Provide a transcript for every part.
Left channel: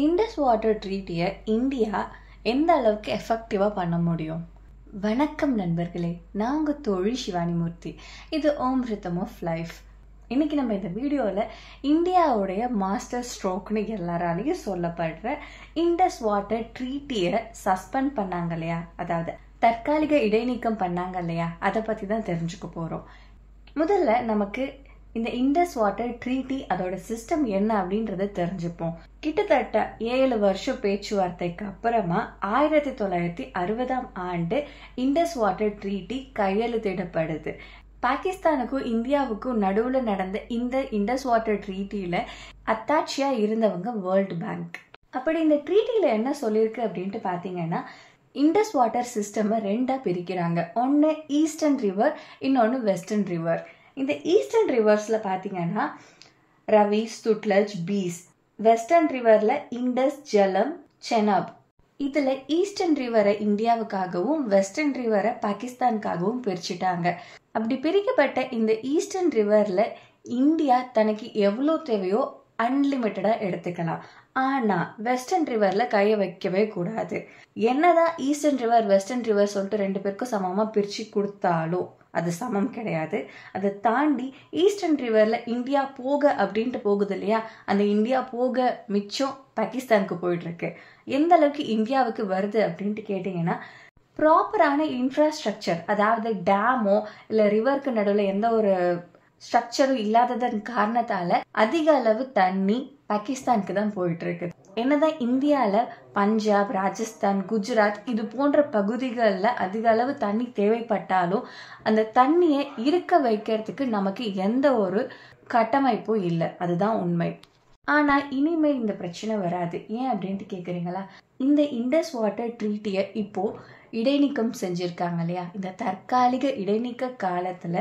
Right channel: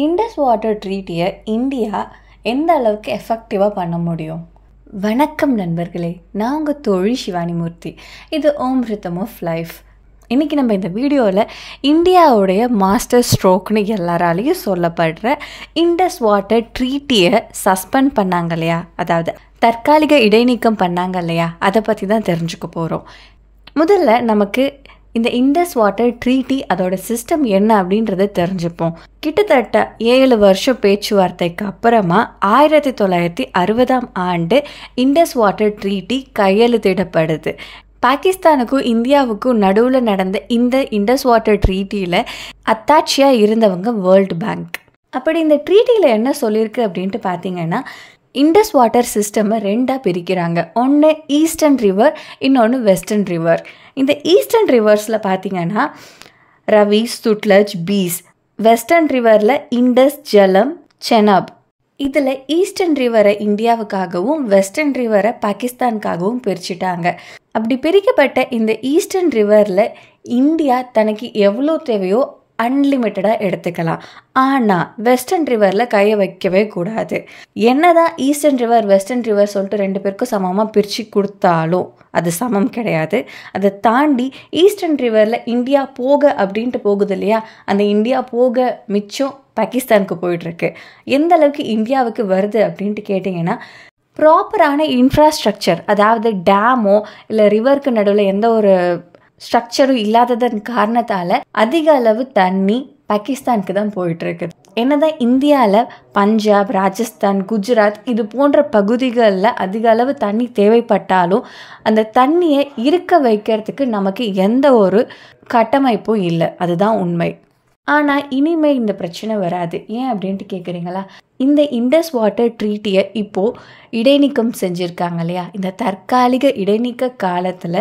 Indies water ட்ரீட்டியை India எந்த அளவுக்கு எஃபெக்டிவாக பண்ண முடியும்? வணக்கம் நண்பர்களே, நான் உங்கள் தோழி சிவானி மூர்த்தி. இது ஓம் ரிதம் ஆஃப் லைஃப். இன்றைக்கி நம்ம இந்த வீடியோவில் இந்தியாவுடைய மாஸ்டர் ஸ்ட்ரோக்னு எல்லாராலையும் சொல்லப்படுற இண்டஸ் வாட்டர் ட்ரீட்டியை சஸ்பெண்ட் பண்ணாங்க இல்லையா, அதாவது தற்காலிக இடைநீக்கம் பண்ணாங்க இல்லையா, அதை பற்றி தான் தெரிஞ்சுக்க போகிறோம். முதல்ல நமக்கு இந்த இண்டஸ் வாட்டர் ட்ரீட்டி அதோட சிஸ்டம் என்ன அப்படின்றத தெரிஞ்சுப்போம். கிட்டத்தட்ட 7 வருஷம் பேச்சுவார்த்தைக்கு அப்புறமா 1960 இண்டஸ் வாட்டர் ட்ரீட்டி கையெழுத்திடப்படுது. பாகிஸ்தானுக்கும் இந்தியாவுக்கும் நடுவில் நடந்த இந்த இண்டஸ் வாட்டர் ட்ரீட்டியில் அத்தாட்சியாக இருந்தவங்க வேர்ல்டு பேங்க். அப்படி இந்த ட்ரீட்டியில் என்ன சொல்லியிருக்கு அப்படின்ட்டு பார்த்தீங்கன்னா, இண்டஸ் வாட்டர் சிஸ்டமை 2ஆக பிரிக்கிறாங்க. ஒன்று ஈஸ்டர்ன் ரிவர், இன்னொன்று வெஸ்டர்ன் ரிவர். இந்த ஈஸ்டர்ன் ரிவர்ஸில் பார்த்தீங்கன்னா ரவி, சுட்லஜ், பீஸ். வெஸ்டர்ன் ரிவரில் இண்டஸ், ஜலம், செனாப். இதில் ஈஸ்டர்ன் ரிவரை இந்தியாவுக்காகவும் வெஸ்டர்ன் ரிவரை பாகிஸ்தானுக்காகவும் பிரிச்சுட்டாங்க. அப்படி பிரிக்கப்பட்ட இந்த ஈஸ்டர்ன் ரிவரில் இந்தியா தனக்கு எவ்வளோ தேவையோ அன்லிமிட்டடாக எடுத்துக்கலாம். ஆனால் வெஸ்டர்ன் ரிவரில் கையை வைக்கவே கூடாது. என்னதான் ஈஸ்டர்ன் ரிவர் வெஸ்டர்ன் ரிவர் சொல்லிட்டு 2 பேருக்கும் சமமாக பிரித்து கொடுத்தாலும் அது சமம் கிடையாது. அதை தாண்டி ஈஸ்டர்ன் ரிவரில் இந்தியா போக அப்படின்ட்டு போகுது இல்லையா, அந்த இந்தியா போக மிச்சம் பாகிஸ்தானுக்கு போயிட்டுருக்கு. எந்த அளவுக்கு இந்தியாவுக்கு வருது அப்படின்ட்டு கேட்டிங்கன்னா, ப்ராப்பரான இன்ஃப்ராஸ்ட்ரக்சர், அதாவது டேமோ இல்லை ரிவருக்கு நடுவில் எந்த ஒரு ஸ்ட்ரக்சரும் இல்லாததன் காரணத்தால் அதிக அளவு தண்ணி பாகிஸ்தானுக்கு தான் போயிட்டுருக்கு. என்னதான் இந்தியாவில் பஞ்சாப், ராஜஸ்தான், குஜராத் இது போன்ற பகுதிகளில் அதிக அளவு தண்ணி தேவைப்பட்டாலும் அந்த தண்ணியை இருக்க வைக்கிறதுக்கு நமக்கு எந்த ஒரு கட்டமைப்பும் இல்லை. அதுதான் உண்மை. ஆனால் இனிமேல் இந்த பிரச்சனை வராது. ஏன் அப்படின்ட்டு கேட்குறீங்களா? இந்த இண்டஸ் வாட்டர் ட்ரீட்டியை இப்போது இடைநீக்கம் செஞ்சுருக்காங்க இல்லையா, இந்த தற்காலிக இடைநீக்க காலத்தில்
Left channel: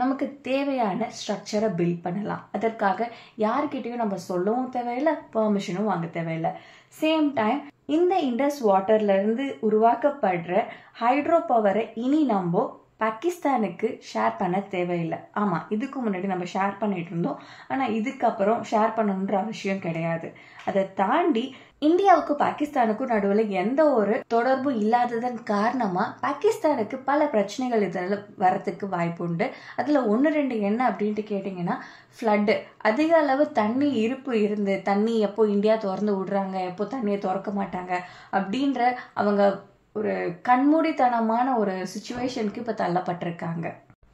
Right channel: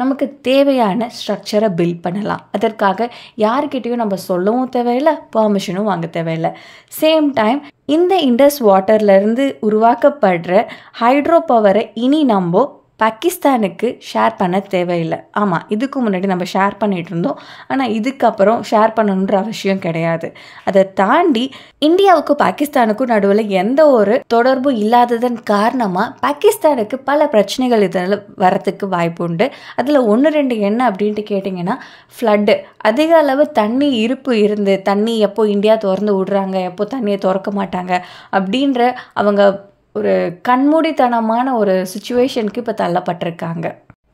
நமக்கு தேவையான ஸ்ட்ரக்சரை பில்ட் பண்ணலாம். அதற்காக யாருக்கிட்டையும் நம்ம சொல்லவும் தேவையில்லை, பர்மிஷனும் வாங்க தேவையில்லை. சேம் டைம் இந்த இண்டஸ் வாட்டர்லேருந்து உருவாக்கப்படுற ஹைட்ரோ பவரை இனி நம்ம பாகிஸ்தானுக்கு ஷேர் பண்ண தேவையில்லை. ஆமாம், இதுக்கு முன்னாடி நம்ம ஷேர் பண்ணிகிட்டு இருந்தோம், ஆனால் இதுக்கப்புறம் ஷேர் பண்ணணுன்ற அவசியம் கிடையாது. அதை தாண்டி இந்தியாவுக்கும் பாகிஸ்தானுக்கும் நடுவில் எந்த ஒரு தொடர்பும் இல்லாததன் காரணமாக பாகிஸ்தானுக்கு பல பிரச்சனைகள் இதில் வரத்துக்கு வாய்ப்பு உண்டு. அதில் 1-2 என்ன அப்படின்ட்டு கேட்டிங்கன்னா, ஃப்ளட்டு. அதிக அளவு தண்ணி இருப்பு இருந்து தண்ணி எப்போ இந்தியா திறந்து விடுறாங்க, எப்போ தண்ணியை திறக்க மாட்டாங்க அப்படின்ற அவங்க ஒரு கண்மூடித்தனமான ஒரு சுச்சுவேஷனுக்கு இப்போ தள்ளப்பட்டிருக்காங்க.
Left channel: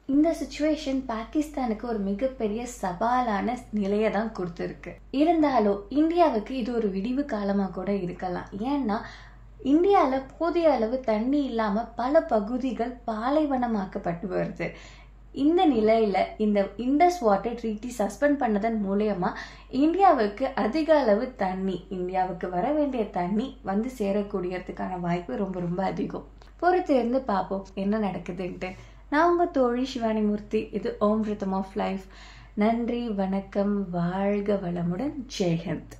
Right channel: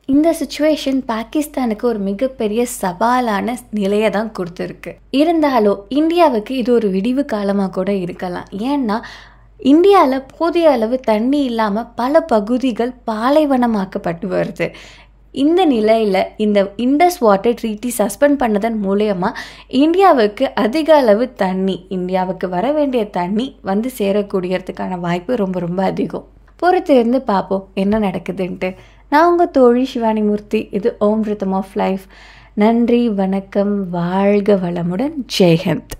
இந்த சுச்சுவேஷன் பாகிஸ்தானுக்கு ஒரு மிகப்பெரிய சவாலான நிலையை தான் கொடுத்துருக்கு. இருந்தாலும் இந்தியாவுக்கு இது ஒரு விடிவு காலமாக கூட இருக்கலாம். ஏன்னா இந்தியாவில் போதிய அளவு தண்ணி இல்லாமல் பல பகுதிகள் பாலைவனமாக்கப்பட்டு வருது. இந்த நிலையில் இந்த இண்டஸ் வாட்டர் ட்ரீட்டி சஸ்பெண்ட் பண்ணதன் மூலயமா இந்தியாவுக்கு அதிக அளவு தண்ணி, இந்தியாவுக்கு வர வேண்டிய தண்ணி வந்து சேரக்கூடியதுக்கான வாய்ப்பு ரொம்ப ரொம்ப அதிகம். பொறுத்து இருந்து பார்ப்போம் என்ன நடக்குதுன்ட்டு. நான் உங்கள் தோழி சிவானி மூர்த்தி. இது ஓம் ரிதம் ஆஃப் லைஃப். நன்றி, வணக்கம், வாழ்க வளமுடன், ஜெய்ஹிந்த்.